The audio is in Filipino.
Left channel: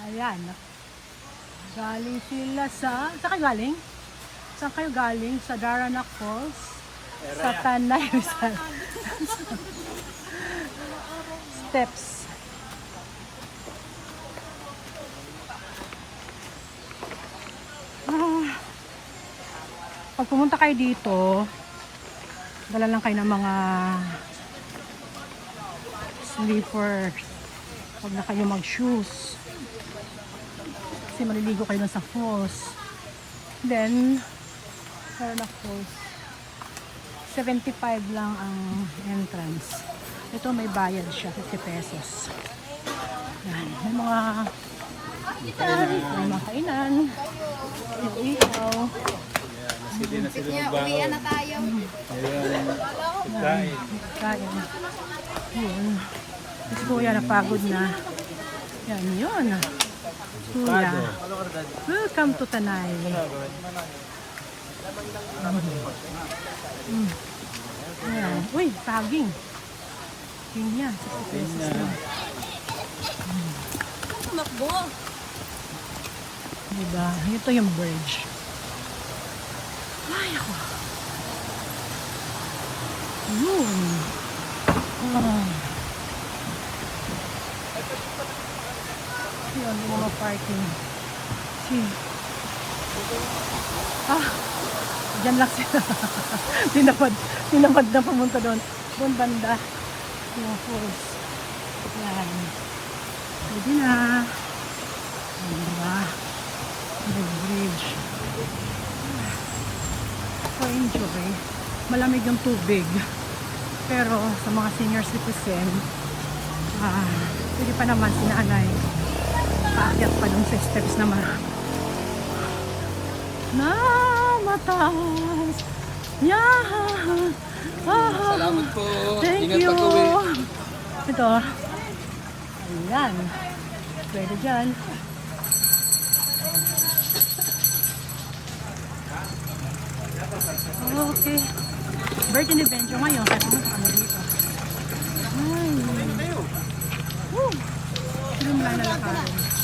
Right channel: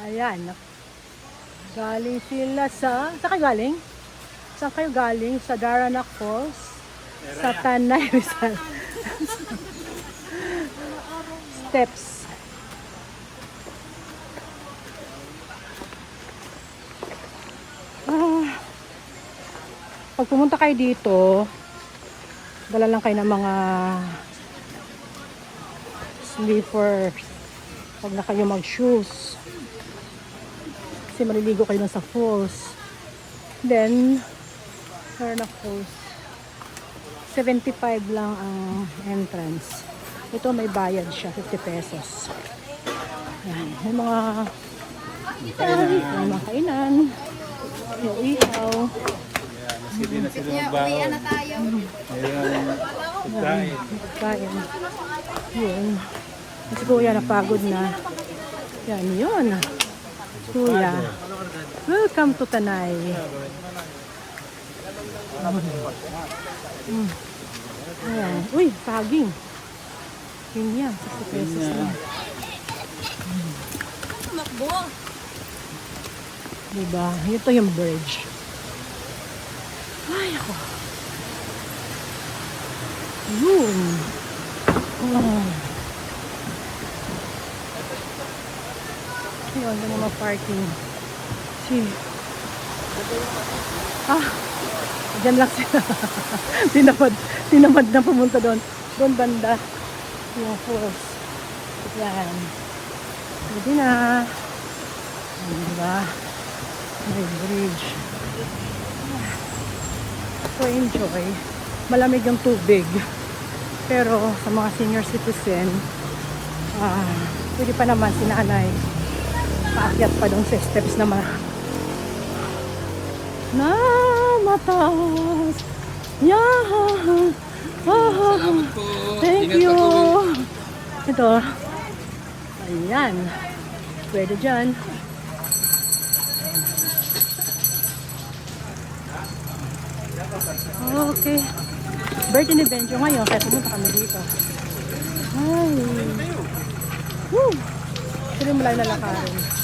Ayan. Galing sila sa... Saan kayo galing? Saan kayo galing? Sa Daranac Falls? Sa Tanay Rizal. Steps. Pag pumunta kayo dito, dala lang kayo ng mga slippers. Huwag na kayo mag-shoes. Kasi maliligo kayo sa falls. Then, Daranac Falls. 75 lang ang entrance. Ito may bayad siya, 50 pesos. Ayan, yung mga kainan. Uwian na tayo. Kain. Yun. Si Kuya napagod na. Yan, yun. Kuya. Welcome to Tanay. Ayan. Uy, saging. Yun yan, 60 pesos lang. Makbo. Diba? Ito yung bridge. Ay, ako. Yun. Ayan, mga parking. See. Diyan lang sila. Tinamad na pumunta doon. Doon banda. Yung falls. Yan. Pwede na. Ayan, diba? Yung bridge. So enjoy. Malamig yung tubig. Pero sa mga senior citizen, pwede pa naman si nanay. Paakyat pa dun sa steps na mataas. Yeah. Salamat po. Thank Ingat you. pag-uwi. Ito. Ayan. Pwede dyan. Okay. Birthday ni Benjo ngayon. Kaya pumunta kami dito. Ay. Woo. Sila mo lang lalakarin.